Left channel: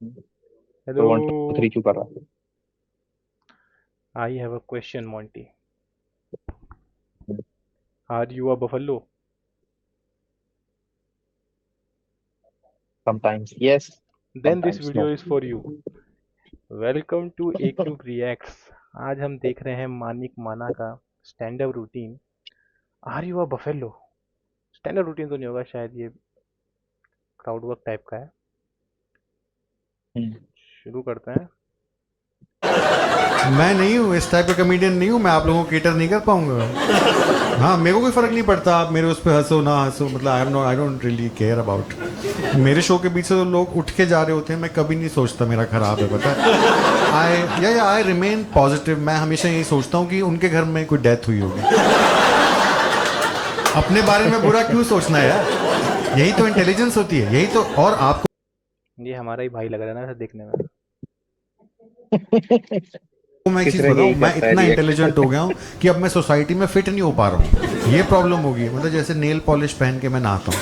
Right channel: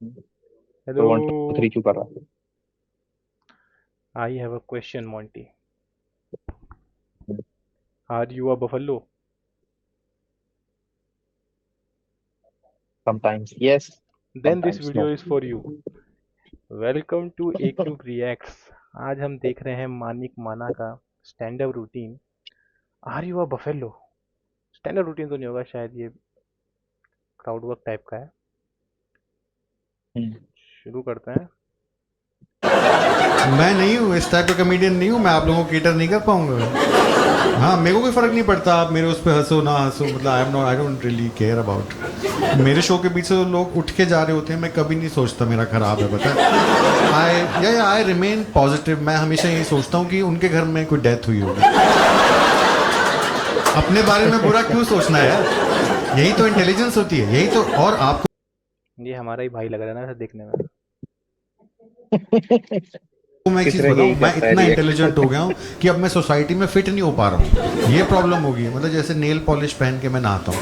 तो हेलो। 1 2 3 क्यों कर रहा है? I have a question Monty. Are you a buffalo? Sometimes yes, then this sometimes no. Video is for you. Welcome to A cube reacts. आज हम देख रहे हैं मानिक माना का stand up routine. Are you a buffalo? Stand up routine तो नहीं होगा शायद, ये क्राउड वर्क टाइप का है। शुरू करते हैं। मैं नहीं हूँ, इस टाइप का कमेडियन नहीं हूँ मैं, आप लोगों को केटर नहीं कर पाऊंगा। हाँ, मेरे को कोई फर्क नहीं पड़ता आप मेरे उस पर हंसो ना हंसो, मतलब I am not, I don't really care about. मेरे शो के बीच से तो लोग उठ के जा रहे होते हैं, मैं कभी नहीं सोचता मेरा खराब है, पता है। I remain positive. मैं हमेशा यही सोचता हूँ कि उनके घर में कोई डेथ हुई होगी। अपने बारे में बुरा क्यों सोचना है यार, यही तो इंटेलिजेंस होती है, यही तो। और आपको ये हमारा ही भाई लग रहा है ना ऐसे देखने में। मैं एक किस चीज़ तरह बताऊँ, यही मैं करता है इतना रिएक्ट। इंटेलिजेंट हो गया हूँ कि अब मैं सोसाइटी में फिट नहीं हो पा रहा हूँ। ये प्रॉब्लम हो गई है, मतलब जैसे नेल पॉलिश पहन के मैं नहाता हूँ,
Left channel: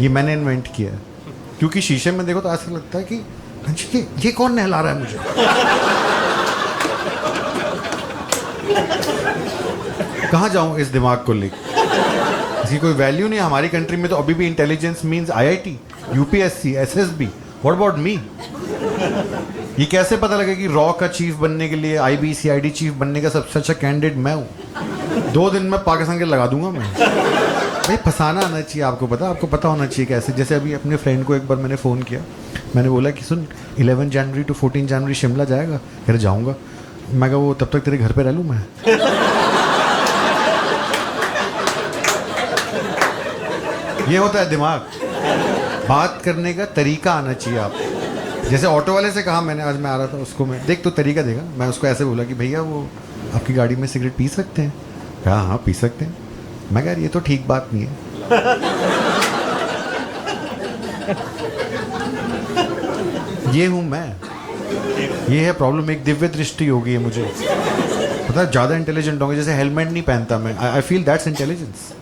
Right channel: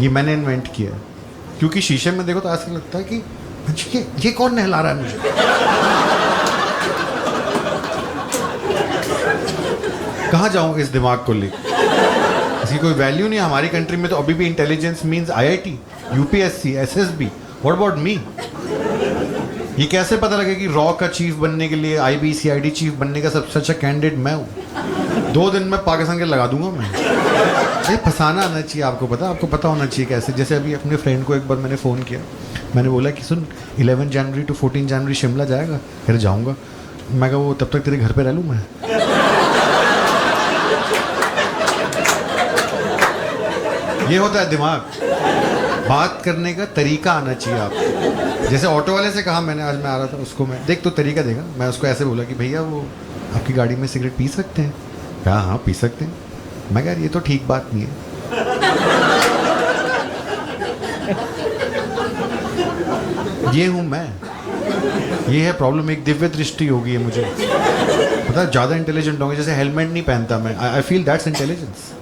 ये मैंने इन्वेंट किया है। क्योंकि शीशे में देखो तो ऐसा लगता है कि ये कौन नहला रहा है मुझे। कहाँ जाऊँ इस दिमाग को लेकर, इसकी कोई वैल्यू नहीं है हमारी कंट्री में। तो अभी भी intelligence means IIT, UPSC, SSB. What about me? ये कैसे पता लगे कि रॉ का चीफ बनने के लिए, आईबीसीआईडी चीफ बनने का सबसे अच्छा कैंडिडेट मैं हूँ? 2 दिन में पाकिस्तान के लगा दूंगा मैं। भाई फंसाना आना चाहिए आपको, आपको पता होना चाहिए कैसे। जैसे अभी अपने फ्रेंड को एक बार मैंने फ़ोन किया, मैंने बोला कि सुन 11 जनवरी टू 14 जनवरी शिमला जाएगा? कह रहे जाऊँगा। मैं कहा वो तब तक तेरे घर पे रह लूँ मैं? ये होता है दिमाग। बात करने का तरीका आना चाहिए आपको। जैसे ऑटो वाले से कहा मैंने, आज मैं आ रहा था उसको, मैं देख तो तरीका देगा। मैं उसको ऐसे बोला कि भैया वो आपकी गाड़ी में सिगरेट पी सकते हैं? कहा हाँ पी सकते हैं। मैं कह यार ये तो ठीक बात नहीं है। ये हूँ मैं, ये है प्रॉब्लम। एक दिव्य दृष्टि होगी है मुझे, पता है। ज़्यादा इंटेलिजेंट होंगे, जैसे हेलमेट नहीं पहनता मैं, I feel that's intelligence.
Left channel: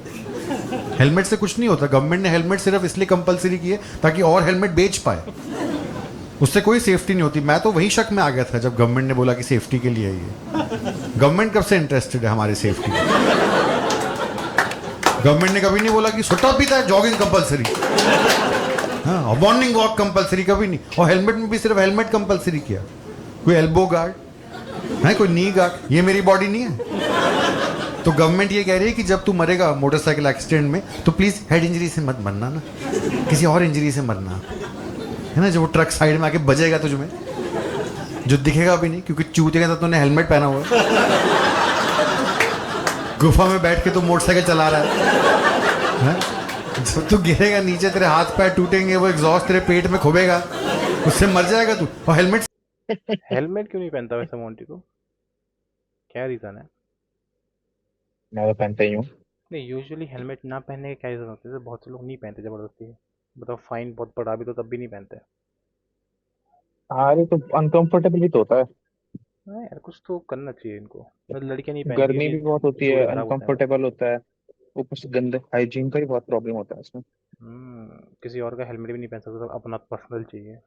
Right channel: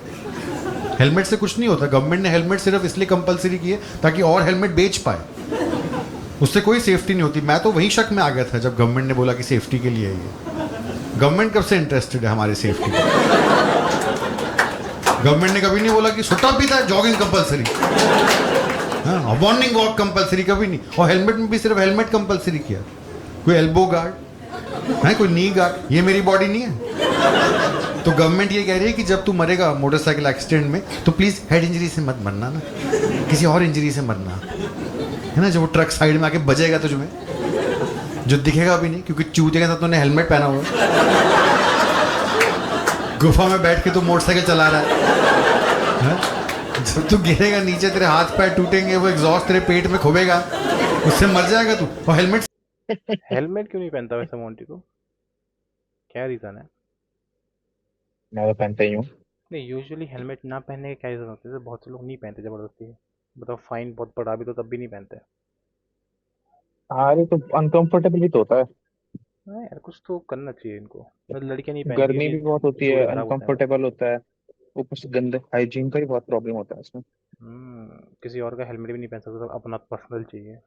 Helmet से कुछ नहीं होता। गवर्नमेंट ने हेलमेट सिर्फ इसलिए कंपलसरी की है ताकि और हेलमेट बेच पाए, उससे कोई सेफ्टी नहीं होती। मैं तो वही शक में आ गया था जब गवर्नमेंट ने बोला कि सेफ्टी के लिए है ये। गवर्नमेंट कब से इंटरेस्टेड है हमारी सेफ्टी में? गवर्नमेंट ने कभी नहीं बोला कि सुट्टा पीता है जॉगिंग कंपलसरी, हाँ मॉर्निंग वॉक कंपलसरी, कभी नहीं। और हेलमेट में भी सिर्फ हेलमेट कंपलसरी किया। कोई एल्बो गार्ड है, कोई नी गार्ड, ये मेरी बॉडी नहीं है। तो गवर्नमेंट ये कह रही है कि जब तू मरेगा मोटरसाइकिल एक्सीडेंट में तो प्लीज हेड इंजरी से मत मरना ना, किसी और इंजरी से मरना, है ना। जो वो ट्रक साइड में आके बजेगा तुझ में, जो दिखेगा भी नहीं क्योंकि चूते के साथ तूने हेलमेट पहना हुआ है। गुफा में बैठ के तू मोटरसाइकिल चला रहा है? जब तू गिरेगा नीचे, तेरे हाथ पैर टूटेंगे, वो एग्जॉस्ट तेरे पेट में खुबेगा, उससे मर जाएगा तू। और हेलमेट हेलमेट क्यों नहीं पहनता वैसे मॉन्टी को? क्या रीज़न है? मैं तो पहनता ही हूँ। नहीं, यूजुअली हेलमेट ना पहनने के क्या रीज़न होते हैं? जैसे बहुत से लोग नहीं पहनते ज़बरदस्ती। बताओ, फाइन बहुत पड़ा भी तो तब भी नहीं पहनते। अरे तो अनकंफर्टेबल भी तो होता है। हाँ यार, कुछ तो करना चाहिए इनको। मतलब लड़कियां नहीं पहनती गर्मी भी बहुत क्योंकि होती है, जोड़े खराब होते हैं भाई। अनकंफर्टेबल होता है। ऊपर से गंदे हाइजीन का भी बहुत प्रॉब्लम होता है इसमें। किसी और का हेलमेट भी नहीं पहन सकते, तो अपना पर्सनल चाहिए।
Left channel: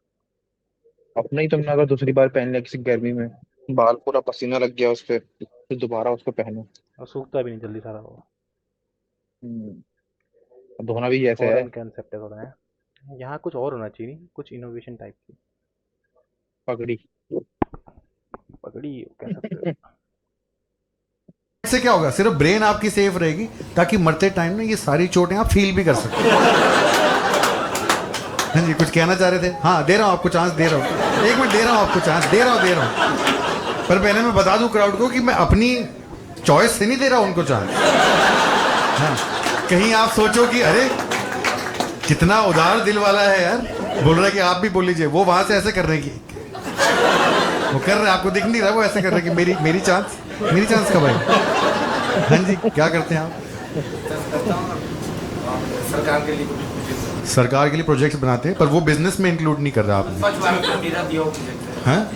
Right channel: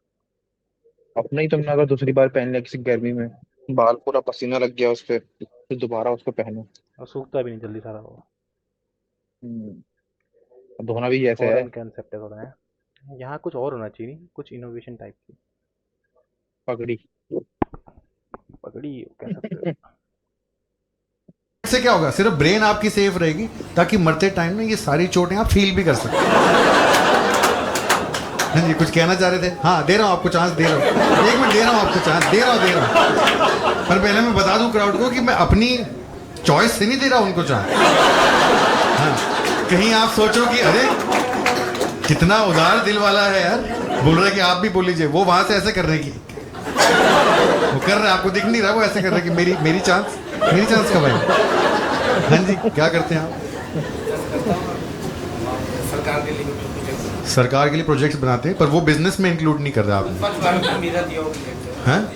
अपना ही तुमने अगर दूसरी बार पहन लिया किसी गर्मी में, बाल पूरा पसीना लग गया उस पर, तो दोबारा उसको पहनो। और सूखता भी नहीं जल्दी सारा वो। हम्म, धोना भी ऐसे है। फॉरेन कंसेप्ट है थोड़ा है। यहाँ कुछ और होना चाहिए, नहीं कुछ इनोवेशन टाइप की। पगड़ी। पगड़ी कह सकते हो। से क्या होगा, सिर्फ ब्रेन आपकी सेफ रहेगी ताकि मरते टाइम ना ये सारी चोटें आप फील भी कर सकते। हाँ जी, कुछ कहना चाह रहे थे? हाँ दे रहा हूँ आपको चांस, दे रहा हूँ, 1 मिनट दे रहा हूँ आपको चांस, दे रहा हूँ। पर पहले मैं बता दूं क्राउड को कि मैं अपनी चॉइस से नहीं दे रहा उनको चांस। हाँ, कहीं आप सोचो कि अरे कितना उदार दिल वाला है यार, बोल रहे कि आप भी बोल लीजिए। वो वहां से ऐसे कर रहे कि वो कर रहे, आपको दिख नहीं रहा, वो ऐसे कर रहे कि मेरी चांस कब आई। हाँ जी, क्या करते हैं आप? सरकार के लिए प्रोजेक्ट्स बनाते हैं, पर वो बिजनेस में इंक्लूड नहीं कर रहा आपने। हैं?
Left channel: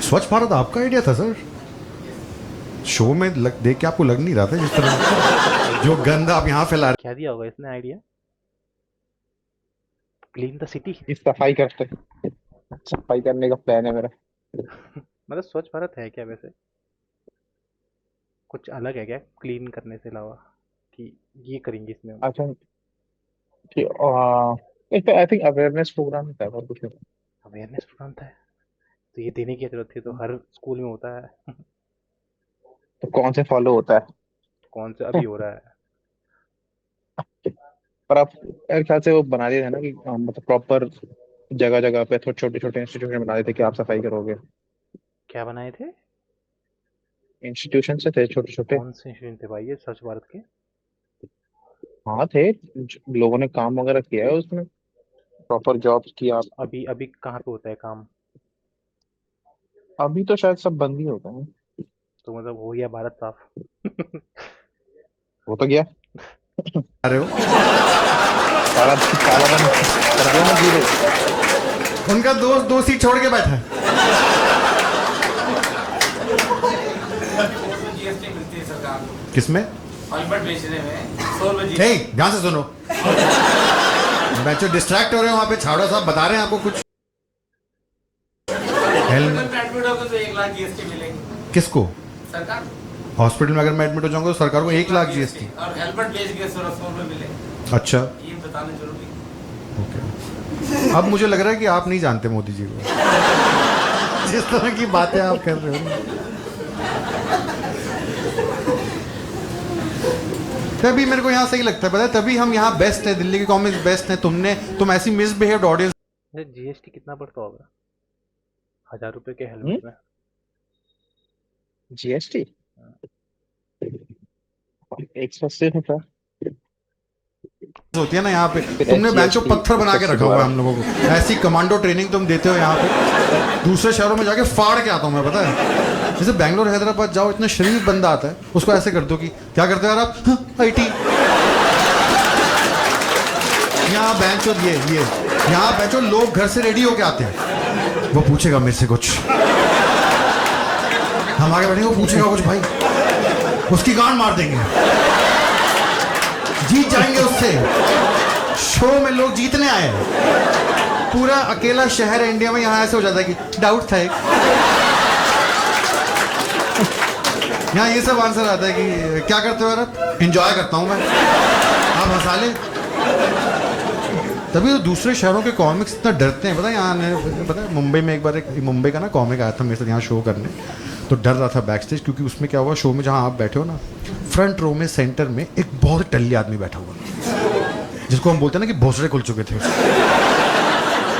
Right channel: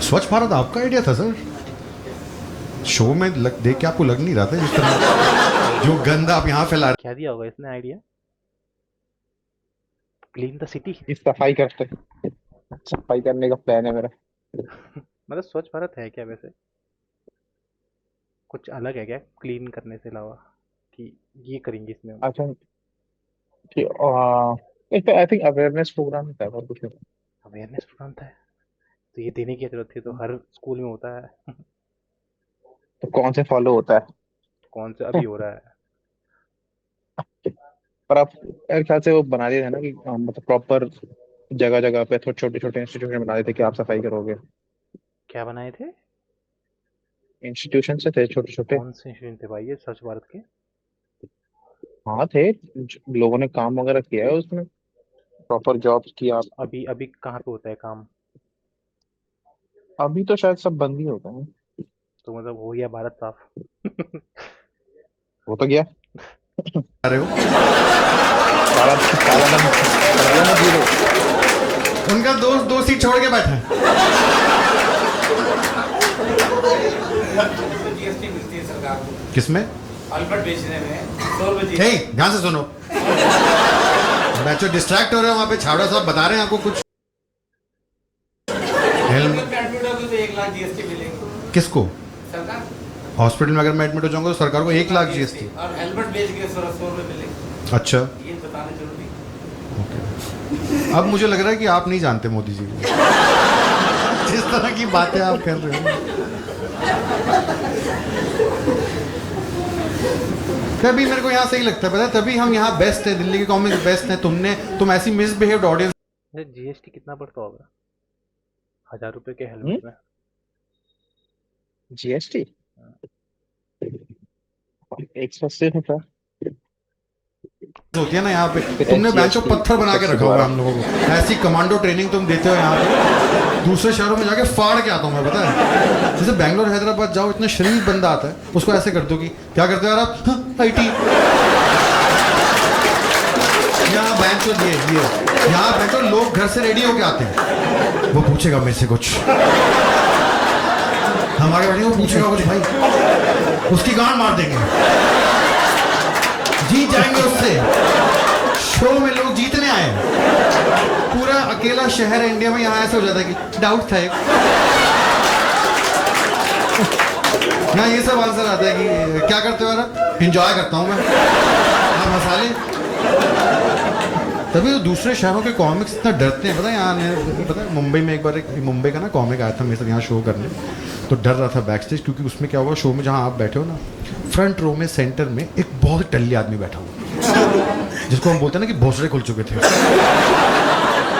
स्वच्छ भारत आपका आइडिया था सर? शो में देख के आपको लग नहीं रहा था जिस तरह आइडिया जो तो गंद आप यहाँ फैला रहे? क्या दिया होगा इसने आइडिया? Clean the city. इस सफाई करने का प्लान है मेरा। मतलब स्वच्छ भारत है क्या वैसे? कुछ अलग है क्या क्लीन करने से अलावा, कि ये करेंगे इसमें हम? अच्छा, इस पे आई थिंक अवेयरनेस प्रोग्राम होता है और कुछ नहीं। अवेयरनेस प्रोग्राम था? तो ये देने की जरूरत थी, तो हर स्कूल में होता है। तो कौन से फॉलो होता है? कौन सा अभी हो रहा है? पर आप मेरे ख्याल से वो बना दिया था ना कि मतलब प्रॉपर जगह जगह पे थोड़े छोटे छोटे इंस्टीट्यूशन बना देते कि आप सफाई करोगे। क्या बनाए थे? इंस्टीट्यूशन से थे छोटे छोटे। कौन से इंस्टीट्यूट थे भाई ये स्वच्छ भारत के? हाँ थे, लोगों ने काम वगैरह किया है उसमें, प्रॉपर जॉब्स किया। अभी अभी कहाँ पे होता है काम? अभी तो शायद सब बंद ही होता है। तो मतलब हो गया भारत साफ? वो तो गया, आ रहे हो? काला काला धन कर दिया ना जीरो। उनका दोस्त 2 सीट छोड़ के बैठा है। जीएसटी मिलती है सरकार को किसमें? ऑलबर्ट बेचने में 100 रुपये हे, ध्यान से सुनो। बच्चों डिस्ट्रैक्ट हो रहे हो वहां पे, छावड़ा साहब बता रहे हैं आपको कुछ। हेल्मेट में एडमिट होगा तो 1 लाख जीएसटी मिलेंगे किसको? सरकार। हॉस्पिटल में अगर मैं एडमिट हो जाऊंगा तो सरकार को 1 लाख GST। और हेलमेट बेच के 100 में मिले, अच्छा, ये बताना जरूरी है। ओके। अब मुझे लग रहा है कि आप नहीं जानते मोदी जी को, जिस तरह की बातें आप कर रहे हो ना। तभी मेरे को यहाँ सही लगता है, पता है, तभी हम यहाँ बेस्ट है, दिल्ली के कॉमिक्स बेस्ट हैं। तुम ऐसी मिसबिहेव्ड ऑडियंस। जीएसटी कितना पड़ता होगा 1000 रुपए के हेलमेट में? जीएसटी 180 होता है। होती है ना यहाँ पे। फिर तुमने बैंचो एसजीएसटी पत्थर बना के 180 रखा हुआ है दोबारा। हम लोगों को, ऐसी कमांडो ट्रेनिंग तुम देते हो यहाँ पे। दूसरे शहरों में जाके फाड़ के आता हूँ मैं, पता है। जैसे बैंगलोर हैदराबाद जाओ, इतना शरीफ बंदा आता है, उसको ऐसे कर दो कि क्या करते हो यार आप? हाँ, IT। यहाँ बैंचो ये यहाँ बैंचो लोग घर से रेडी होके आते हैं, वो पूछेगा मेरे से कुछ, हम आगे बैठेंगे, वो पूछेगा कुछ, भाई उसकी गांड मार देंगे, जीत जाएंगे उससे। शो में लोग जीतने आए हैं, पूरा अकेला शहर है इंडिया में, यहाँ ऐसे हो जाता है कि डाउट था एक। यहाँ ये सब आंसर आता है कि क्या करते हो यार आप? एंजॉय करता हूँ मैं, आप हंसा लें। तभी तो दूसरे शहरों के कॉमिक्स इतना डरते हैं, पता है। यहाँ पता है, मुंबई में एक बार एक मुंबई का ना कॉमिक आया था मेरे साथ यहाँ शो करने, तो डर रहा था बैक स्टेज, क्योंकि उसमें क्या हुआ, शो में जहाँ आप बैठे हो ना, फ्रंट रो में सेंटर में एक बहुत टल्ली आदमी बैठा हुआ, जिसको हम बोलते हैं ना कि भोसड़े खुल चुके थे।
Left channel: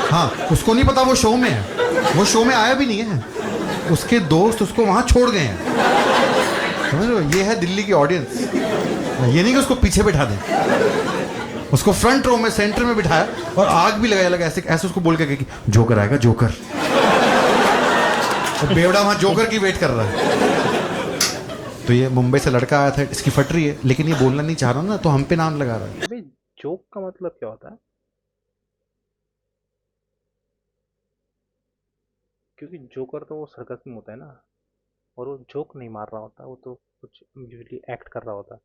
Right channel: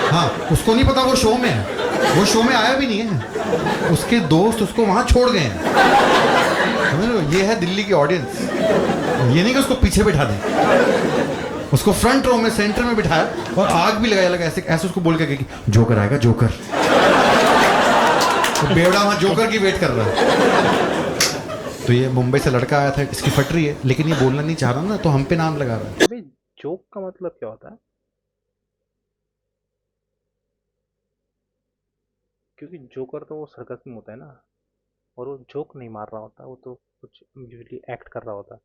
हाँ, उसको नहीं पता वो शो में है, वो शो में आया भी नहीं है, उसके दोस्त उसको वहाँ छोड़ गए हैं, समझ लो। ये है दिल्ली की ऑडियंस। ये नहीं कि उसको पीछे बिठा दें, उसको फ्रंट रो में सेंटर में बिठाया और आग भी लगाया, लगा ऐसे ऐसे उसको बोल के कि जोकर आएगा, जोकर। तो बेवड़ा वहाँ जोकर की वेट कर रहा है। तो ये मुंबई से लड़का आया था, इसकी फट रही है, लेकिन ये बोलना नहीं चाह रहा ना, तो हम पे नाम लगा रहा है। अबे जोक का मतलब क्या होता है? क्योंकि जोकर तो वो सर्कस में होता है ना, और वो जोक नहीं मार रहा होता, वो तो कुछ यूजली एक्ट कर रहा होता।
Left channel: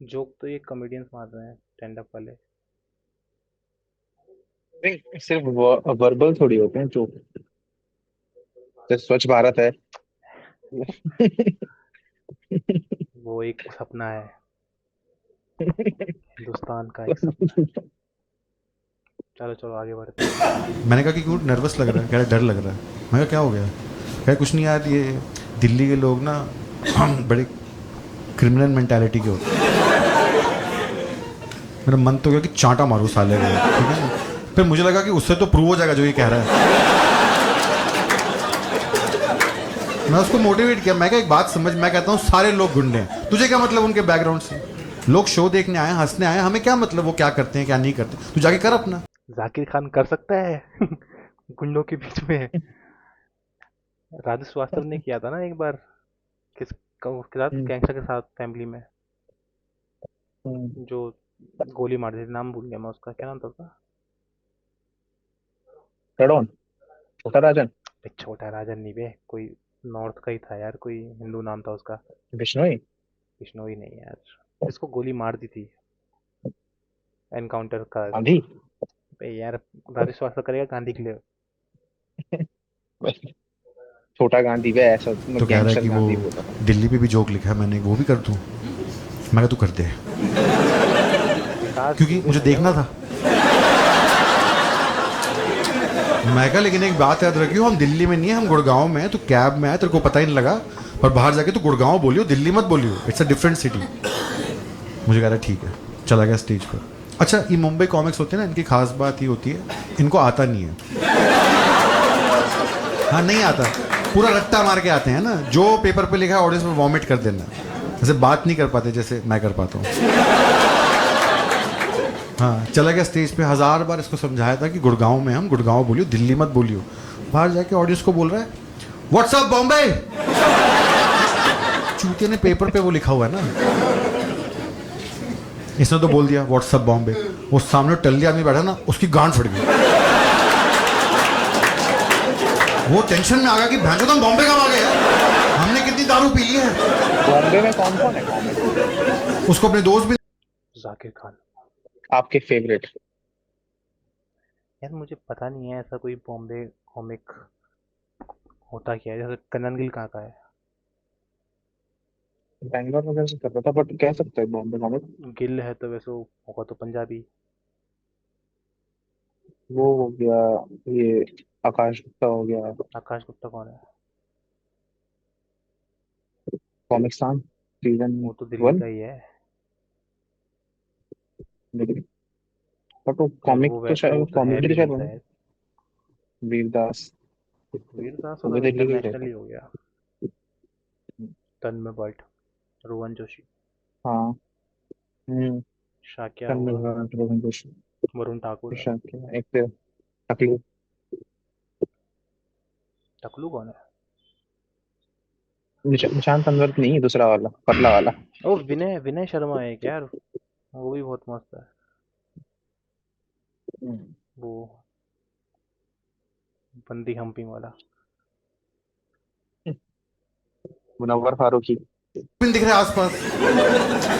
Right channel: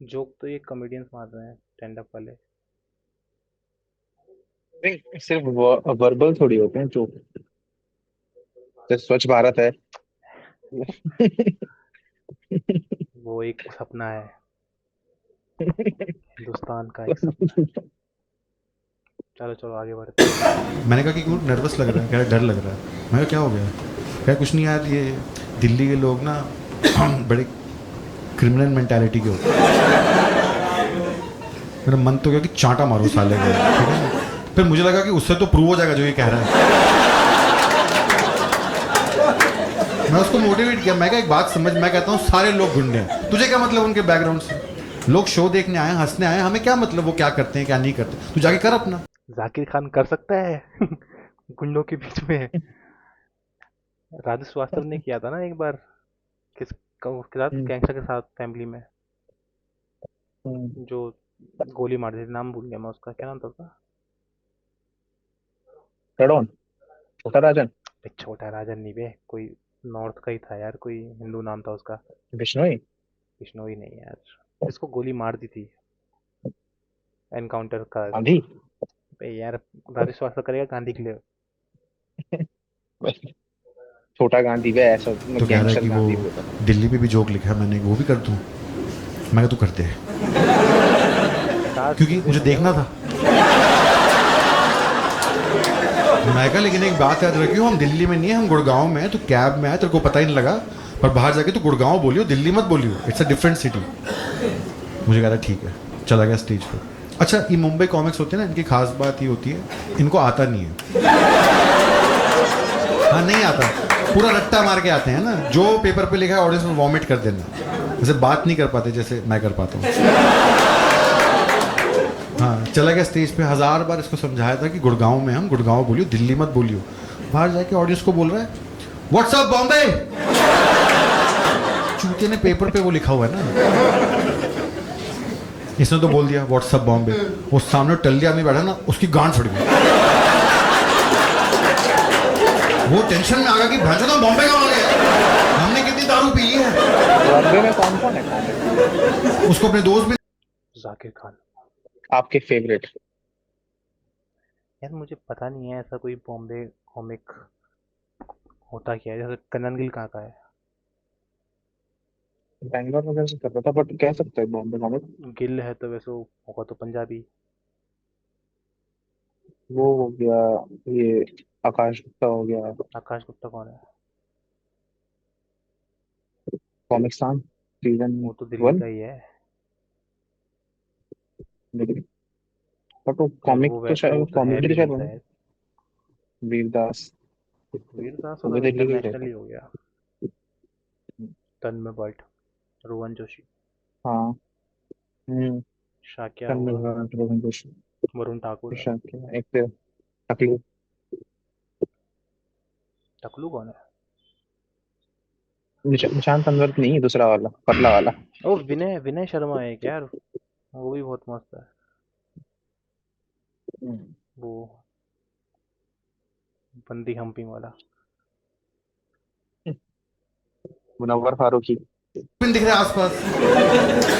जोक तो ये कॉमेडियंस मार रहे हैं, स्टैंड अप वाले। नहीं, सिर्फ वर्बल थोड़ी होते हैं जो, जैसे स्वच्छ भारत है। वो एक सपना है, हिंदुस्तान का एक सपना है। चलो चलो आगे बढ़ते हैं। मैंने कहा कि क्यों नर्वस लग रहा है, कह रहा डर लग रहा है। मैं कहा क्या हो गया? कह कुछ नहीं यार, ये दिल्ली के लोग ना बड़े क्रिमिनल मेंटालिटी के होते हैं। मेरा मन तो गया कि चांटा मारो साले को, ठीक है ना। फिर मुझे लगा कि उससे तो प्रूव हो जाएगा जो ये कह रहा है। मैं उसको मोटिवेट किया, मैं क्या एक बात समझ, मैं कहता हूँ सारे लोग गुंडे हैं, तुझे क्या मतलब उनके बैकग्राउंड से? लोग शो देखने आए, हंसने आए, हमें क्या मतलब वो क्या करते हैं क्या नहीं करते, तू जाके कर अपना। जाकिर खान कर सकता है गुंडों के बीच में? राजू श्रीवास्तव ने किया था ना एक बार, किस उसके साथ, हम्म, गैंगस्टर के साथ, फैमिली में, हम्म। जो गोली मार दी थी। नाम भूल गया मैं उसका, क्या नाम था उसका? कड़ोन, छोटा राजन, एक छोटा राजन नहीं बे, कोई नॉर्थ का ही था यार, कोई हिंदू नाम था उसका। बिश्नोई, बिश्नोई नहीं यार, जिसको गोली मार दी थी एनकाउंटर का। गांधी। बे यार, राजेश श्रीवास्तव करेगा गांधी के लिए। छोटा गांधी भी ऐसा तो कह रहा है गैंगस्टर कि वो गांधी बोला था। दिल्ली पे भी जोक लिखा है मैंने, वो भी कर दूं? मैं कहा तू कर दे, विकास क्योंकि दुबे मुझे था क्या देखना वो? था। मैं कहा लेकिन एक बात याद रखियो, हम दिल्ली में नहीं है, हम गुड़गांव में है। तू कैब में है, तेरे को पता ही नहीं लगा, पर बाहर जाके तू गुड़गांव बोलियो, दिल्ली मत बोलियो, इट्स अ डिफरेंट सिटी। मुझे कह रहा ठीक है, चला गया स्टेज पर। अच्छा, ये मुंबई कॉमिक्स होते हैं ना, इनकी खास बात ये होती है, इनको आता नहीं है। हाँ, नहीं आता, पूरा रट्टा मार के आते हैं ना, जो पेपर पे लिखा है ऑडियंस में वॉमिट कर देना। जैसे बात नहीं कर पाते जैसे मैं कर पाता हूँ। हाँ, चला गया स्टेज पे, 1000 बार इसको समझाया था कि गुड़गांव में हम, गुड़गांव बोलियो, दिल्ली मत बोलियो। बाहर जाके ऑडियंस को बोल रहा है व्हाट्सअप बॉम्बे। चूतिया ने पेपर पे वो लिखा हुआ है ना, इसने तो बोल दिया व्हाट्सअप बॉम्बे। वो सामने टल्ली आदमी बैठा ना, उसकी गांड फट गई। वो टेंशन में आ गया कि भैंसो तुम बॉम्बे कब आ गए यार? हमने कितनी दारू पी ली है। बॉम्बे में कौन कौन है कॉमिक? उसको अपने दोस्त भी जाकिर खान। आपके फेवरेट? यार मुझे पता नहीं है ऐसा कोई बॉम्बे कॉमिक होता क्या है, जैसे कन्नन गिल कहाँ का है? बैंगलोर वगैरह से कर रहा था, बट कह सकते हैं बॉम्बे कॉमिक। गिल है तो वैसे वो होगा तो पंजाबी। वो हो गया, ये आकाश गुप्ता हो गया। आकाश गुप्ता कौन है? कॉमिक्सान सीजन वो तो दिल्ली 1। का ही है। लेकिन बट वो नहीं कॉमिक वो तो वो शायद तो है कॉमेडी तो दिल्ली शायद का है। वीरदास। वीरदास वो तो भी दिल्ली का ही इंटरनेशनल रहता ही है। हो गया। तन्मय भट्ट, रोहन जोशी, हाँ। हम्म। शाक्या तन्मय हुआ, भट्ट, रोहन जोशी, वरुण ठाकुर। प्रशांत के एक तो टकलू। टकलू कौन है? निशांत तंदवर नहीं, दूसरा वाला पतला वाला। ओ विनय विनय शर्मा है क्या यार? वो भी बहुत मस्त है। हम्म। वो बंदी हम्पिंग वाला। मुनव्वर फारूकी। भी दिख रहे हैं आसपास।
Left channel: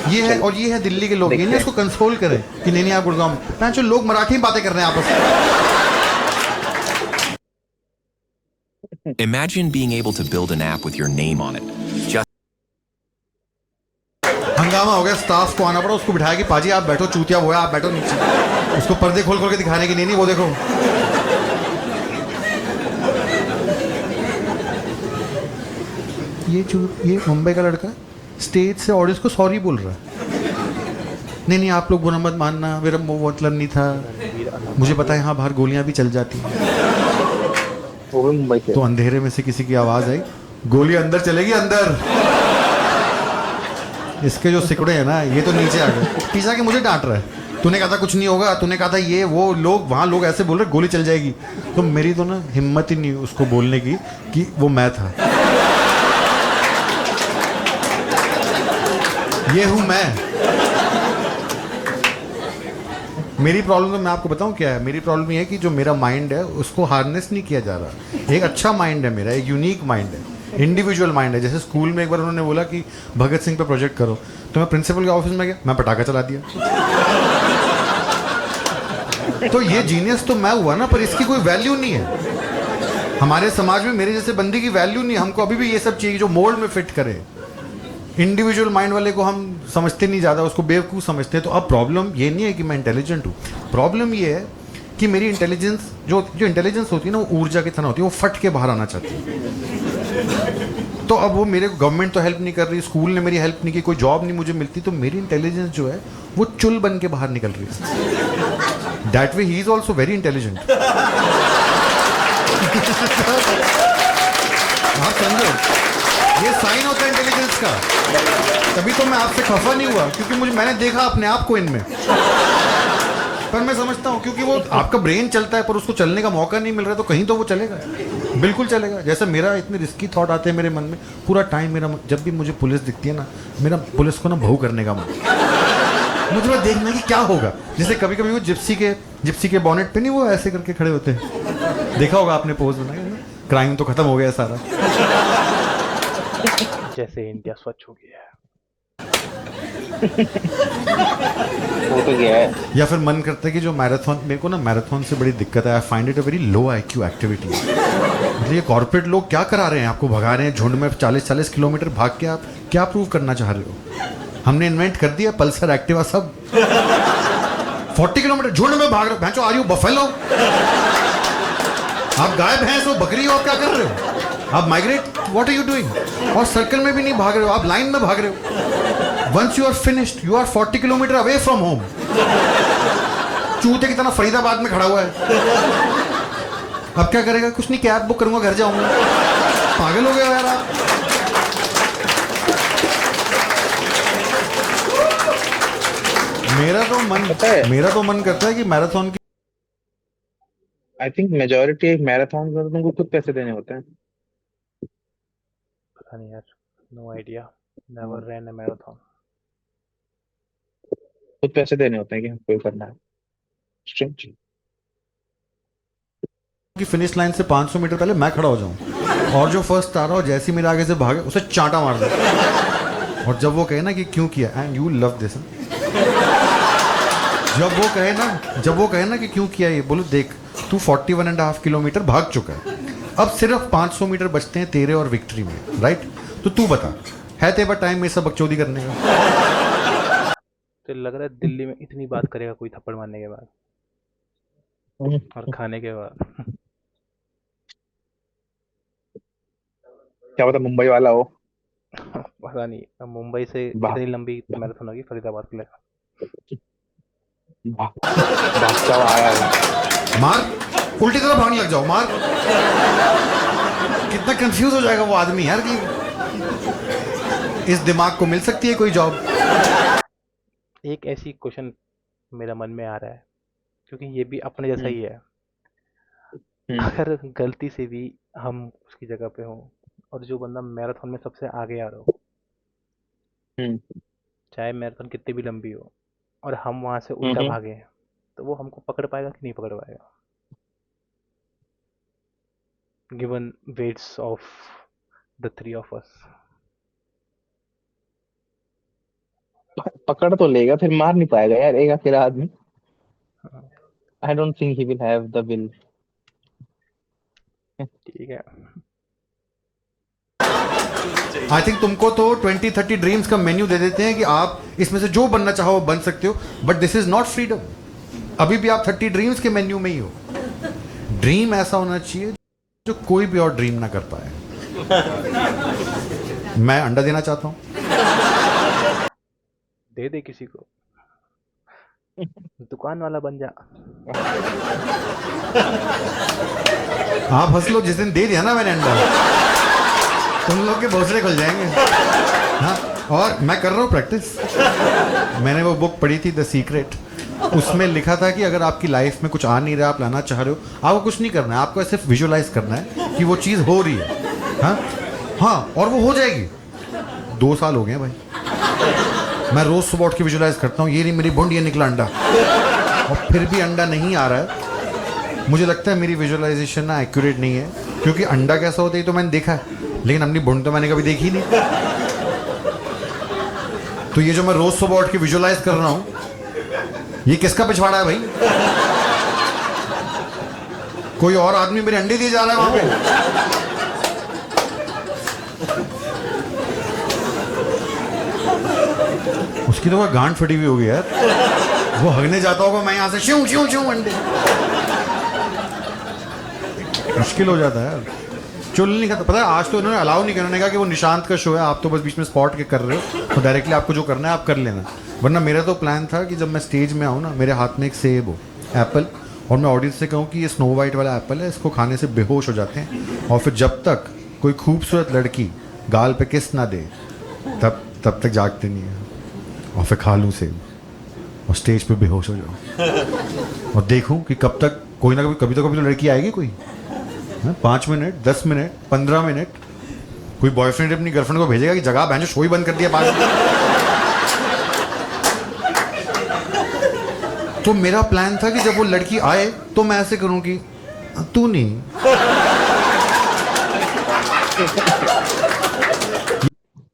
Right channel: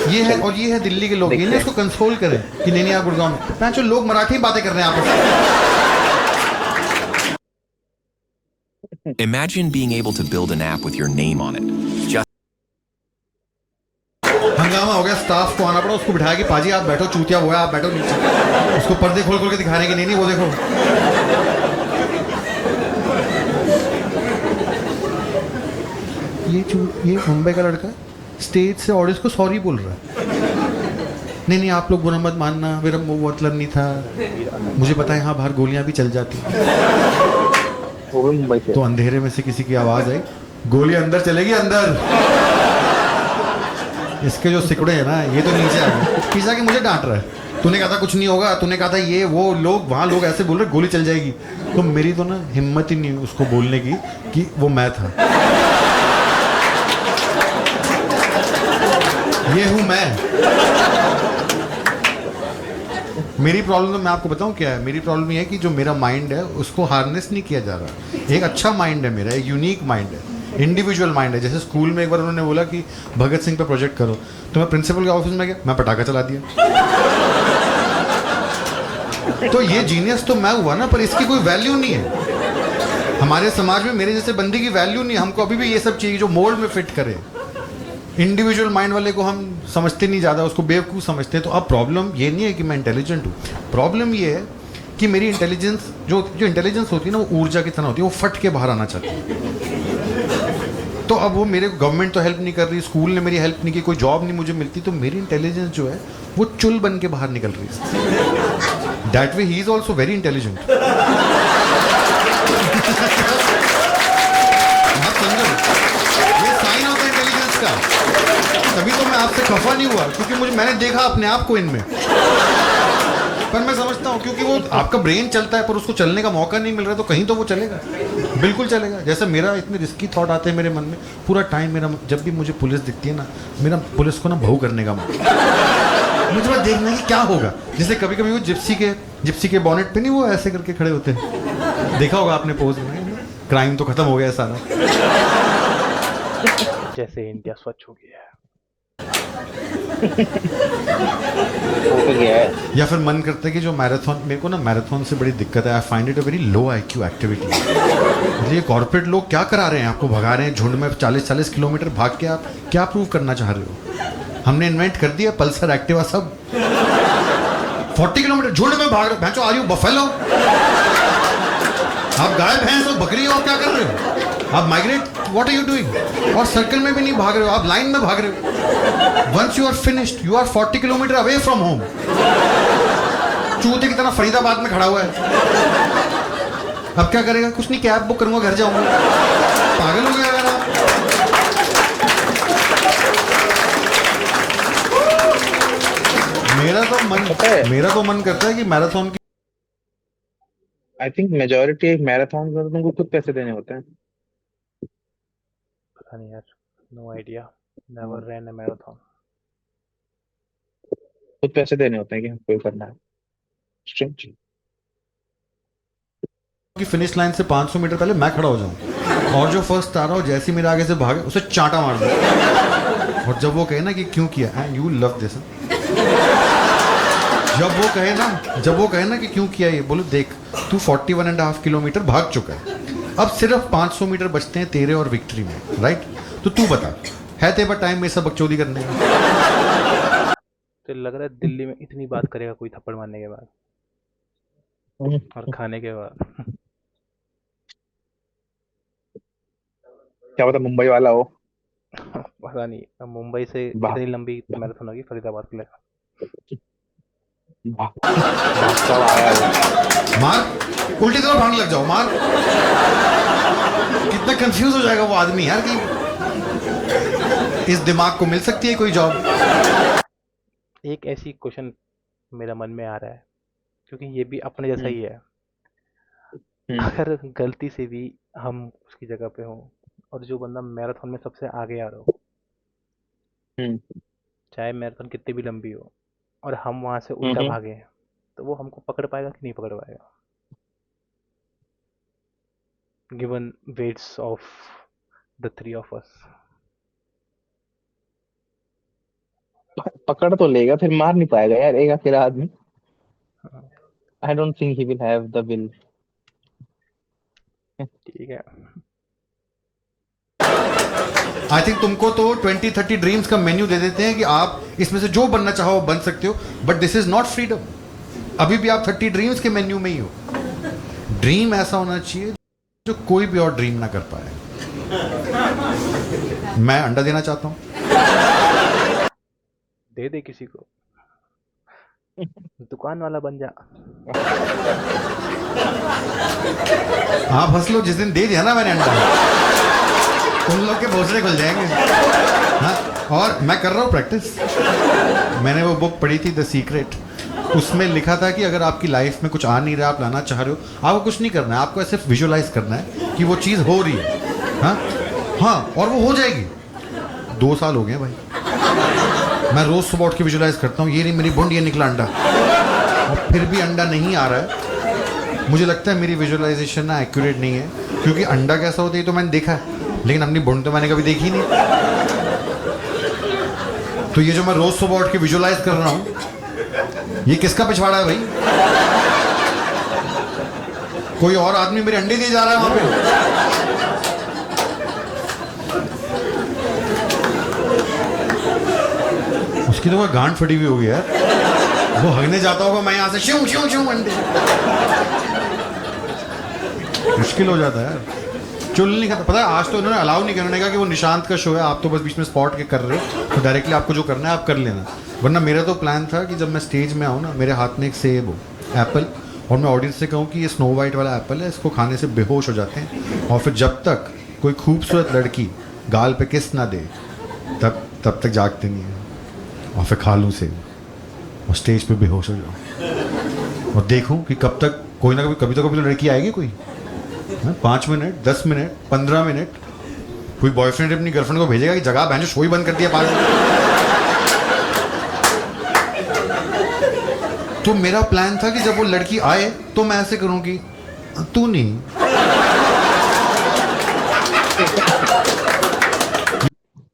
ये है, चलो और ये है दिल्ली के लोग, ये देखते नहीं हैं। उसको कंसोल करें कि नहीं नहीं आप गुड़गांव में, मैं जो लोग मराठी में बातें कर रहे हैं आपस में। Imagine being able to build an app with your name on it. Just हंगामा हो गया, स्टाफ को आना पड़ा, उसको बिठाया कि पाजी आप बैठो, चूतिया वो है, आप बैठो नीचे। उसको पर्दे खोल खोल के दिखा रहे हैं कि नहीं नहीं वो देखो। ये मुंबई का लड़का स्टेज से ऑडियंस को सॉरी बोल रहा है। नहीं नहीं आप लोग बुरा मत मानना, मेरा वो मतलब नहीं था, रणवीर अलग। मुझे पता है यहाँ बाहर गोलियां भी चल जाती हैं। वो भी मुंबई से। तो अंधेरे में से किसी की आवाज आई, गोली अंदर चलेगी अंदर। इसके जो सिकड़े हैं ना, ये तो नीचे आ गए, पीछा के मुझे डांट रहा है, तूने कहा था कुछ नहीं होगा, तूने कहा था ये वो, लोग वहाँ लोग ऐसे बोल रहे गोली चल जाएगी। तो मेरी तो ना हिम्मत ही नहीं उसको बोलने की कि वो मैं था, ये हूं मैं। मेरी प्रॉब्लम तो मैं आपको बताऊं क्या है, मेरी प्रॉब्लम ये है कि जो मेरा माइंड है उसको हार्नेस नहीं किया जा रहा। एक अच्छा माइंड है मेरा, एक यूनिक माइंड है, इंडिविजुअल माइंड है। जैसे स्कूल में एक बार उन्होंने बोला कि भगत सिंह पे प्रोजेक्ट करो, तो मैं प्रिंसिपल के ऑफिस में गया, मैं पटाखा चला दिया। तो ये जीनियस तो मैं हुआ ना, पर इसकी कोई वैल्यू नहीं है हमारे समाज में। मेरे जैसे बंदे की वैल्यू नहीं है। हमको अभी भी ये सब चाहिए जो मोल्ड में फिट करे। इंडिविजुअल माइंड वाले को हम समझते नहीं ज़्यादा, उसको बेवकूफ़ समझते हैं। तो अब प्रॉब्लम ये नहीं है कि मैं इंटेलिजेंट हूँ, प्रॉब्लम ये है कि मेरी इंटेलिजेंस जो इंटेलिजेंस होती है ना, वो ऊर्जा की तरह होती है, वो फट के बाहर आना चाहती है। तो अब वो मेरे को गवर्नमेंट तो हेल्प नहीं कर रही, स्कूल ने मेरी हेल्प नहीं की, कोई जॉब नहीं मुझे मिलती, तो मेरी इंटेलिजेंस जो है वो चुल बन के बाहर निकल रही है। That way he is also very intelligent. आप समझो, ये साइन होता है इंटेलिजेंस का। तभी तो मैं आपसे खफा नहीं हुआ, क्योंकि मैंने देखा अपने आप को इनमें। पर मैं समझता हूँ क्योंकि वो आपका ब्रेन चलता है, पर उसको चलने का मौका नहीं मिल रहा, तो कहीं तो वो चलेगा, बिल्कुल चलेगा। जैसे मेरा इतने रिस्की थॉट आते हैं मेरे मन में, पूरा टाइम मेरा, जब भी मुझे पुलिस दिखती है ना, मेरा पुलिस को ना बहू करने का मन, मुझे बस देखना है कि क्या होगा। जैसे कभी कभी वो जिप्सी के बॉनेट पे नहीं वो ऐसे करके खड़े होते हैं, देखा होगा आपने, पोज बनाया ना, क्राइम तो खत्म हो गया सारा। जैसे इंडिया स्वच्छ हो गया है। हो तो गया है। या फिर मन करता है कि जो मैराथन, मेरे को ना मैराथन से बड़ी दिक्कत है, I find it a very low IQ activity. मतलब ये कॉर्पोरेट लोग क्या करा रहे हैं, आपको भगा रहे हैं झुंड में 40-40 किलोमीटर भाग के, आप क्या प्रूव करना चाह रहे हो? हमने इन्वेंट कर दिया पल्सर एक्टिवा सब, 40 किलोमीटर झुंड में भाग रहे हो। भैंचो, आर यू बफेलो? आप गाय भैंस हो, बकरी हो, आप क्या कर रहे हो? आप migrate, what are you doing? और सर्कल में भी नहीं भाग रहे हो, आप लाइन में भाग रहे हो। Once you are finished, you are 40 kilometre away from home. चूते की तरह फरीदाबाद में खड़ा हुआ है। अब क्या करेगा? कुछ नहीं, कैब बुक करूंगा, घर जाऊंगा। पागल हो गए यार आप। पता है, मेरा तो मन करता है कि मैराथन की आई थिंक मेजोरिटी मैराथन में तुमको खुद पैसे देने होते हैं। पता नहीं यार, no idea, never ran a marathon. खुद पैसे देने होते हैं कि हमको ये करना है। Strange। फिनिश लाइन से 500 मीटर पहले मैं खड़ा हो जाऊं, और जो फर्स्ट आ रहा हो जैसे ही मेरे आगे से भागे उसे चांटा मार दो। और जब वो कहे ना कि क्यों किया, एंड यू लव दिस, जब वो कहे ना कि क्यों किया ये, बोलो देख तू 41.5 किलोमीटर भाग चुका है, अब सिर्फ 500 मीटर बचते हैं तेरे और विक्ट्री में, राइट? तो तू बता, है तेरे पास टाइम में सब बकचोदी करने का? तो लग रहा है दिल्ली में इतनी बात करेगा कोई थप्पड़ मारने के बाद और खाने के बाद। क्या पता मुंबई वाला हो। पता नहीं, अब मुंबई से भा, कितनी लंबी भा, मैराथन होगी फरीदाबाद के लिए? भागता हुआ आया हो। मार, उल्टी तरफ भागने लग जाओ, मार। कितना कंफ्यूज हो जाएगा वो आदमी यार कि इस दिमाग को मिल सकती है कोई जॉब। एक ऐसी क्वेश्चन मेरा मन में आ रहा है, क्योंकि ये भी अपने जैसा ही है। अगर गलती से भी हम उसकी जगह पे हों और जो बंदा मैराथन में सबसे आगे आ रहा हो, चाहे मैराथन कितनी भी लंबी हो, और हम वहां से उल्टा भागे, तो वो हमको पकड़ पाएगा कि नहीं पकड़ पाएगा, given weights of the three of us? पकड़ तो लेगा, फिर मार नहीं पाएगा यार, एक अकेला आदमी। I don't think he will have the will. ठीक है। आई थिंक तुमको तो 20-30 ड्रीम्स का मेन्यू दे देते हैं कि आप इसमें से जो बनना चाहो बन सकते हो, but this is not freedom. अभी भी आप 30 ड्रीम्स के मेन्यू में ही हो। ड्रीम ऐसा होना चाहिए जो कोई भी और ड्रीम ना कर पाए। मैं अंडा देना चाहता हूं, दे दे किसी को, दुकान वाला बन जा। आप हंस लो, जिस दिन दे दिया ना मैंने अंडा, उन लोग के भोसड़े खुल जाएंगे। हाँ, और मैं कर रहा हूँ प्रैक्टिस। मैंने वो बुक पढ़ी थी द सीक्रेट, उसमें लिखा था कि अगर आपकी लाइफ में कुछ आ नहीं रहा, आप लाना चाह रहे हो, आपको कुछ नहीं करना है, आपको सिर्फ विजुअलाइज करना है कि वो चीज़ हो रही है। हाँ, और वो हो जाएगी। 2 साल हो गए भाई, मैं रोज सुबह उठ के विजुअलाइज करता हूँ, ये नहीं मेरी बूंद, ये निकला अंडा, और फिर भी अंडा नहीं आ रहा है। मुझे लगता है मेरी विजुअलाइजेशन ना एक्यूरेट नहीं है, क्योंकि अंडा कैसा होता है तो मैंने देखा है, लेकिन अपनी बूंद तो मैंने कभी देखी नहीं। तो ये जो मैं रोज सुबह उठ के विजुअलाइज कर रहा हूँ, ये किसका पिछवाड़ा है भाई? कोई और आदमी मेरे अंडे दिए जा रहा है वहां पे। उसकी तो कोई गांड फटी हुई होगी यार, वो हगने जाता होगा, मैं यहां से श्यूं श्यूं श्यूं अंडे। मुश्किल हो जाता है यार। चुल नहीं खाता, पता है आज तो इन्होंने अलाउ नहीं किया, उन्होंने कहा कि वो निशांत का शो है, आप तो बस बीच में स्पॉट के कर रहे हो, तो डायरेक्टली आपको जो करना है आप कर लेना। वरना मेरा तो प्लान था कि जब मैं स्टेज में आऊँ ना, मेरे हाथ में एक सेब हो, एप्पल, और मैं ऑडियंस से कहूँ कि ये स्नो वाइट वाला एप्पल है, इसको खाने से बेहोश हो जाते हैं, और फिर जब तक कोई खूबसूरत लड़की गाल पे किस ना दे तब तक जागते नहीं है, और फिर खा लूँ सेब और स्टेज पे बेहोश हो जाऊँ, और देखूँ कि कब तक कोई ना कभी तो लड़की आएगी कोई। 5 मिनट, 10 मिनट, 15 मिनट, कोई बॉयफ्रेंड अपनी गर्लफ्रेंड को भेजेगा कि जगह बहन शो ही बंद कर दिया पागल। तो मेरा प्लान था कि जब वो लड़की आए तो मैं ऐसे करूं कि तू नहीं।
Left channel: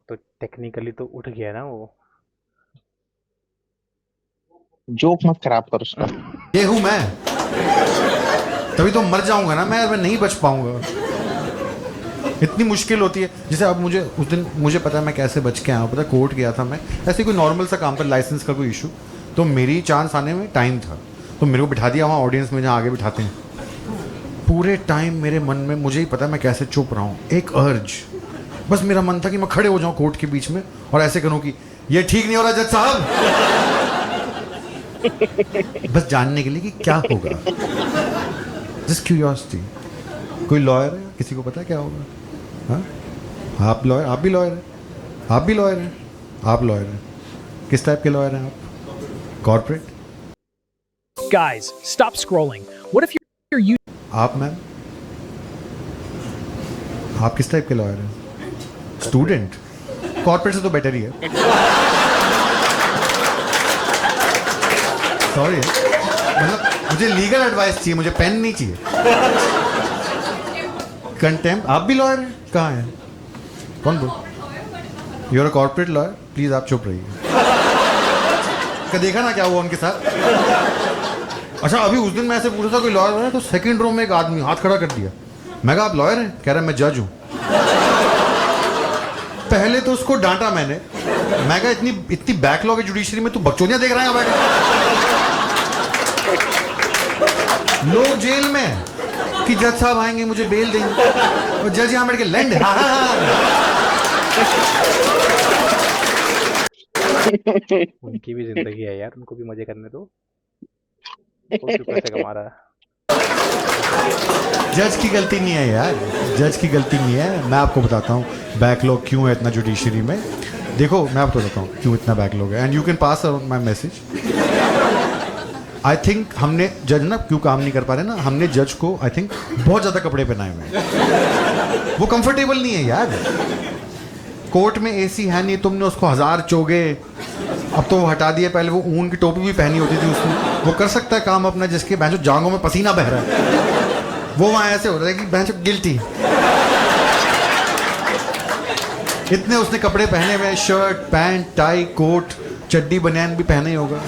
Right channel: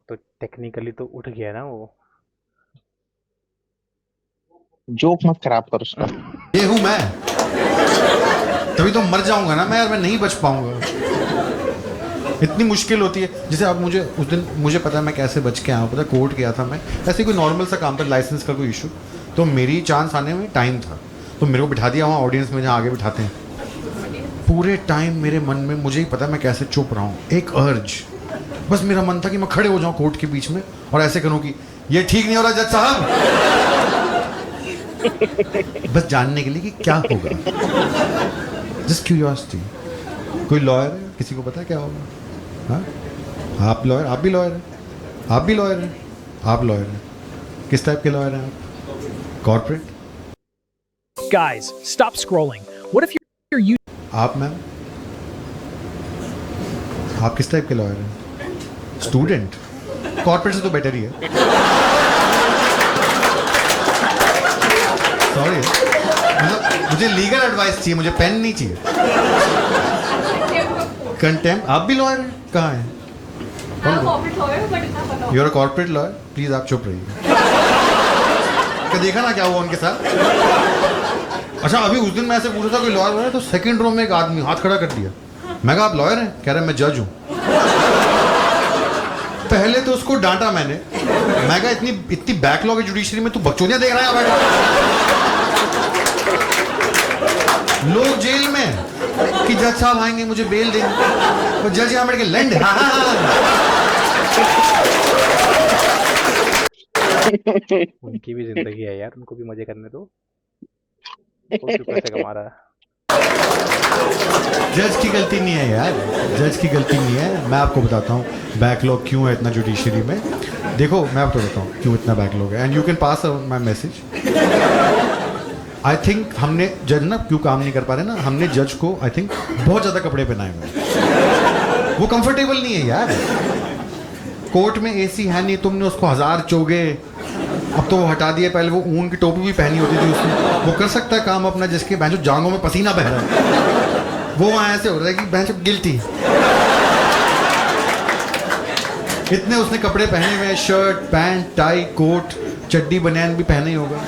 तो टेक्निकली तो उठ गया ना वो, जोक मत खराब कर उसका। ये हूं मैं, तभी तो मर जाऊंगा ना मैं, और मैं नहीं बच पाऊंगा। इतनी मुश्किल होती है। जैसे अब मुझे उस दिन मुझे पता है मैं कैसे बच के आया हूँ, पता है कोर्ट गया था मैं, ऐसे कोई नॉर्मल सा काम था, लाइसेंस का कोई इशू, तो मेरी चांस आने में टाइम था, तो मेरे को बिठा दिया वहाँ ऑडियंस में जहाँ आगे बिठाते हैं। पूरे टाइम मेरे मन में, मुझे ही पता है मैं कैसे चुप रहा हूँ, एक अर्ज, बस मेरा मन था कि मैं खड़े हो जाऊँ कोर्ट के बीच में और ऐसे करूँ कि ये ठीक नहीं हो रहा जज साहब, बस जानने के लिए कि क्या होगा, जस्ट क्यूरियोसिटी। कोई लॉयर है, किसी को पता है क्या होगा? हाँ, आप लॉयर, आप भी लॉयर हैं, आप भी लॉयर हैं, आप लॉयर हैं, किस टाइप के लॉयर हैं आप? Corporate? Guys, stop scrolling. What if you're आप मैम, आप किस टाइप के लॉयर हैं? स्टूडेंट? कॉर्पोरेट से तो बेटर ही है। सॉरी, मतलब मुझे लीगल एडवाइस चाहिए, मुझे पेन नहीं चाहिए। कंटेम्प्ट? आप भी लॉयर हैं? कहाँ हैं? कौन को? You're a corporate lawyer? Please आप चुप रहिए। क्या देखा ना क्या हुआ उनके साथ? अच्छा, अभी उस दिन मैं ऐसे पूछा था कोई लॉयर है, तो सेकंड रो में एक आदमी हाथ खड़ा कर दिया। मैं कहा आप लॉयर हैं? कह रहा है मैं जज हूं। पहले तो उसको डांटा मैंने, मैं कहा इतनी बैकलॉग है जुडिशरी में, तू बकचोदियां देख रहा है यहाँ बैठे? लोग जेल में हैं कि जज साहब आएंगे मुझे बेल देंगे, और जज यहाँ बैठ के लैंड। उनकी भी जिंदगी है यार, उनको भी मजे करने दो। वो क्यों पैसे कमा रहा है? जज की गलती नहीं है यार, जज की गलती नहीं है। मैं आपको बताता हूँ बैकलॉग क्यों है इतना जुडिशरी में। देखो मैं आपको बताता हूँ क्यों इतना बैकलॉग है, and you can pass around my message. I think हमने जज ना क्यों काम नहीं कर पा रहे ना, हमने जज को आई थिंक बहुत ज़्यादा कपड़े पहनाए हुए हैं, वो कंफर्टेबल नहीं है यार। कोर्ट में एसी है नहीं, तुमने उसको 1000 चोगे, अब तो वो हटा दिए, पहले वो ऊन की टोपी भी पहनी होती थी उसने। वो कर सकता है काम अपना, जिसके बैंचो जांघों में पसीना बह रहा है, वो वहाँ ऐसे हो रहा है कि बैंचो गिल्टी। इतने उसने कपड़े पहने हुए, शर्ट पैंट टाई कोट चड्डी बनियान भी पहने ही होगा।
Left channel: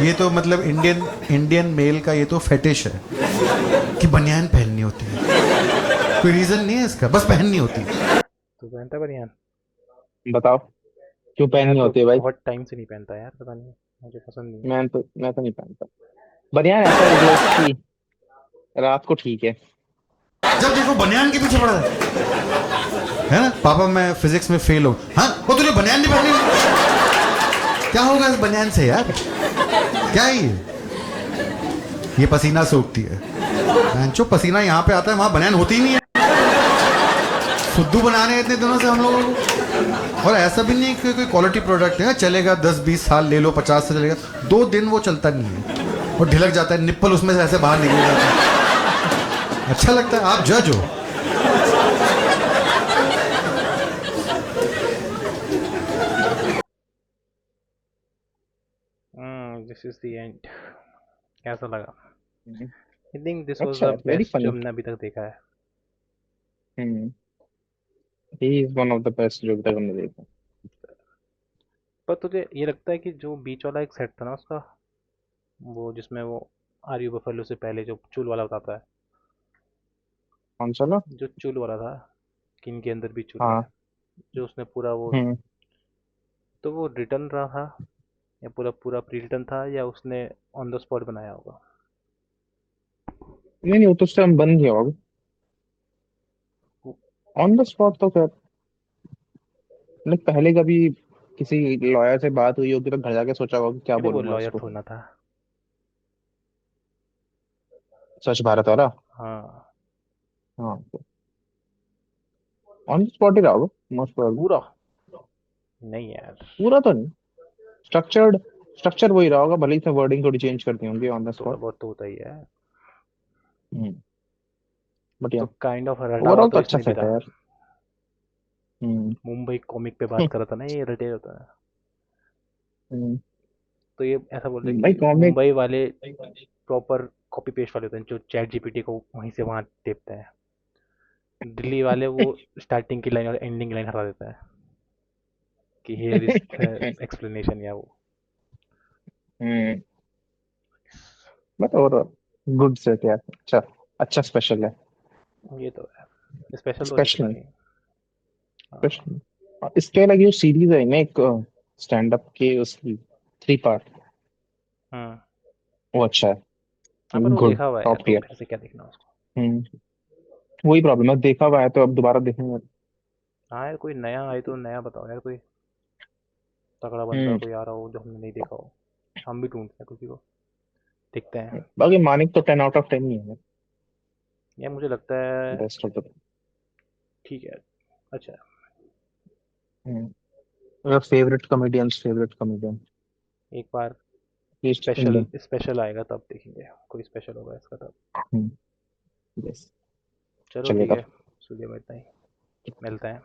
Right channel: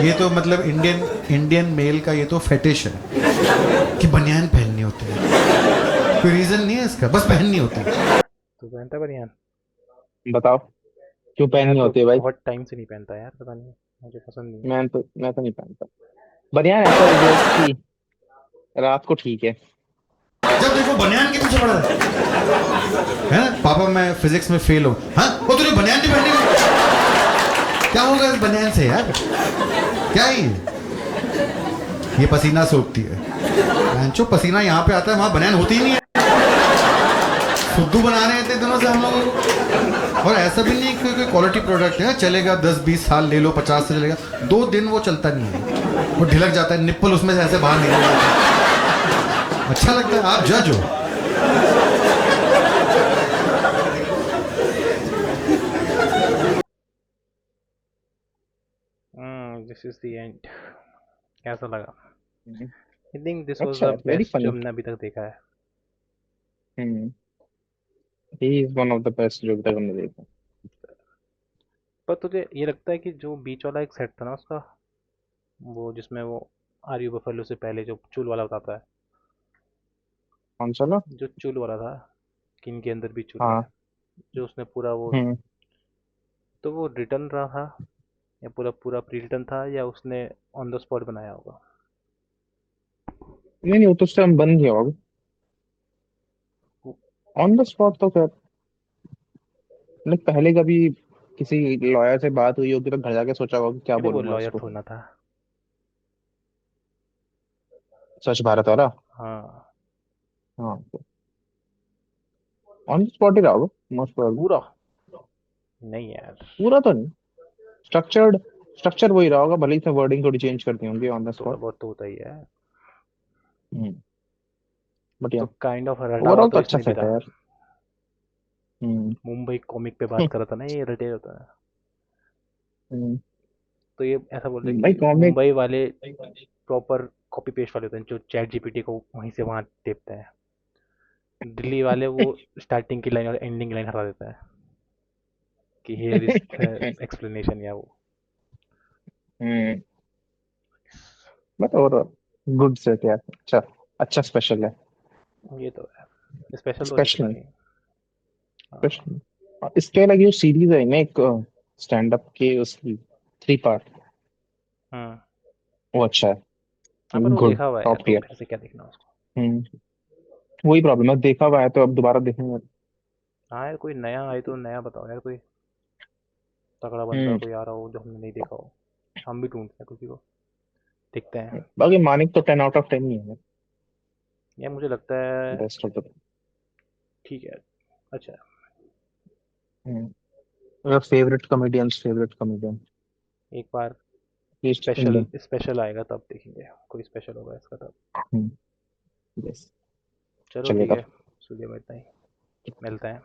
ये तो मतलब इंडियन मेल का ये तो फेटिश है कि बनियान पहननी होती है। कोई रीजन नहीं है इसका, बस पहननी होती है। तू पहनता है बनियान? बताओ क्यों मैं पहननी तो होती है भाई? बहुत टाइम से नहीं पहनता यार, पता नहीं, मुझे पसंद नहीं है। मैं तो नहीं पहनता बनियान, ऐसा है जो कि रात को ठीक है। जब देखो बनियान के पीछे पड़ा है ना। पापा मैं फिजिक्स में फेल हूँ, हाँ वो तूने बनियान नहीं पहनी हुई? क्या होगा इस बनियान से यार, क्या है ये पसीना सोखती है। बैंचो पसीना यहाँ पे आता है, वहां बनियान होती ही नहीं है। फुद्दू बना रहे हैं इतने दिनों से हम लोगों को। और ऐसा भी नहीं है कि कोई क्वालिटी प्रोडक्ट है, चलेगा 10-20 साल ले लो, 50 से चलेगा, 2 दिन वो चलता नहीं है, वो ढिलक जाता है, निप्पल उसमें से ऐसे बाहर निकल जाता है। अच्छा लगता है? आप जज हो। This is the end. कैसा लगा? हम्म, आई थिंक दिस वाज अच्छा द है, वेरी बेस्ट जो फनी। हमने अभी तक देखा है। He is one of the best जो अभी तक हमने देखा। पर तुझे ये लगता है कि जो बीच वाला एक सेट था ना उसका, वो जिसमें वो आर यू बफेलो से पहले जो चूल वाला बताता है, कौन सा लो? जो चूल वाला था कि इनके अंदर भी चूल है, हाँ। जो उसने पूरा वो, हम्म। तो वो रिटर्न रहा था या पूरा पूरा प्री रिटर्न था, या उसने ऑन द स्पॉट बनाया होगा? नहीं नहीं, वो तो उस टाइम बंद किया होगा ऑन द स्पॉट तो खैर। मतलब पहले कभी किसी लॉयर से बात हुई होगी तो घर जाके सोचा होगा कि क्या अरे वो बोलूंगा लॉयर उसको। थोड़ा ना था। स्वच्छ भारत वाला। हाँ, हाँ, ऑन द स्पॉट ही रहा होगा मोस्ट प्रोबेबली। पूरा नहीं यार। पूरा तो नहीं, स्ट्रक्चर्ड, स्ट्रक्चर वही रहा होगा, भले ही वर्डिंग थोड़ी चेंज करती होंगी ऑन द थोड़ा स्पॉट। बहुत तो होता ही है। बट तो या काइंड ऑफ रटा हुआ ओवरऑल तो तो अच्छा इसमें भी सेट था। है यार। हम्म। मुंबई कॉमिक पे बात कर रहा था ना, ये रटे होता है। हम्म, तो ये ऐसा बोल रहे भाई कि कॉमिक। मुंबई वाले प्रॉपर कॉपी पेस्ट वाले होते हैं, जो चैट जीपीटी को वहीं से वहां टेपते हैं। दिल्ली वाले वो स्टार्टिंग की लाइन और एंडिंग लाइन हटा देता है कि हियर इज द एक्सप्लेनेशन, या वो। बट और गुड सेट यार, अच्छा अच्छा स्पेशल है। ये तो है, स्पेशल तो दिख रहा स्पेशल ही है। हाँ। स्पेशल इसके अलग जो सीरीज है ना एक स्टैंड अप के, उसकी 3 पार्ट, हम्म। वो अच्छा हाँ है, पर वो गुड देखा हुआ है यार, टॉप तो टियर। फिर से क्या देखना उसको। हम्म वही प्रॉब्लम है, देखा हुआ है तो अब दोबारा देखेंगे। हाँ यार, कोई नया आए तो नया बताओ यार, कोई तगड़ा बंदा हम्म कोई आ रहा हो जो हमने नहीं देखा हो। हम भी ढूंढते हैं किसी को, देखते हैं। बाकी मानिक तो 10 आउट ऑफ 10 ही है, यार मुझे लगता है बेस्ट ऑफ द। ठीक है, अच्छा है। फेवरेट कॉमेडियन एक बार लीस्ट स्पेशल इंडियन। स्पेशल आएगा तब देखेंगे, कोई स्पेशल होगा इसका तब। यस, चलो ठीक चलेगा। है, स्टूडियो में इतना ही, मिलते हैं।